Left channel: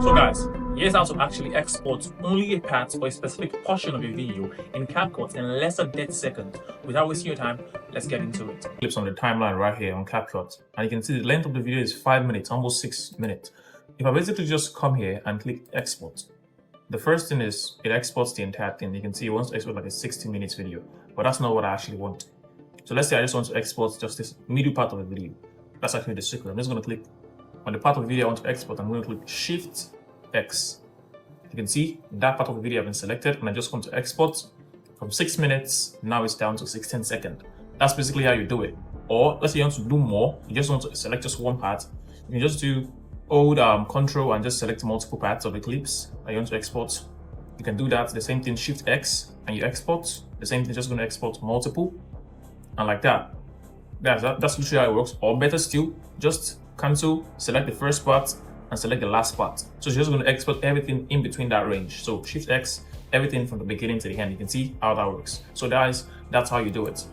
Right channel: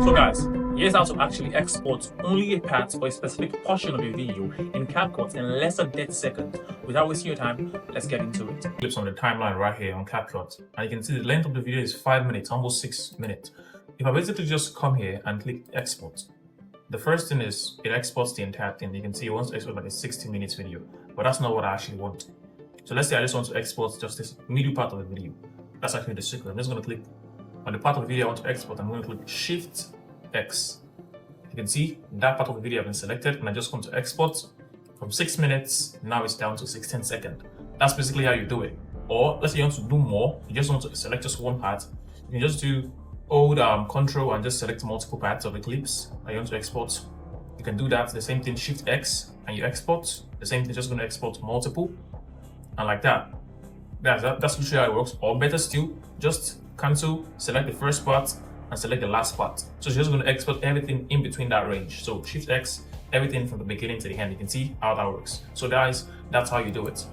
So guys, here's how to actually export only a part or a specific portion of your video in CapCut in less than 30 seconds. Without wasting your time, let's get into it. Clips on the timeline right here on CapCut, and you can see the length of the video is 5 minutes, almost 6 minutes. If I basically just come here and click export, the first thing is it exports the entire thing. You can see it wants to export like a 60 minutes video, but that's not what I actually want. So let's say I just want to export just this middle part of the video. That's actually the secret. I'm just going to click on the part of the video I want to export. I'm going to click Shift X. You can see that part of the video has been selected, and I just want to export from 6 minutes. Now it's down to 16 seconds. That's basically how you do it. Or let's say you want to do more, you just want to select just one part. You can just do hold Control and just select multiple parts of the clips that you want to export. You can do that. The same thing, Shift X, and you export. The same thing, just going to export multiple, and like that. That's literally how it works. Or better still, just cancel, select the first part, and select the last part. So it's just going to export everything in between that range. So Shift X, everything from the beginning to the end. You can see how that works. So guys, that's how you do it.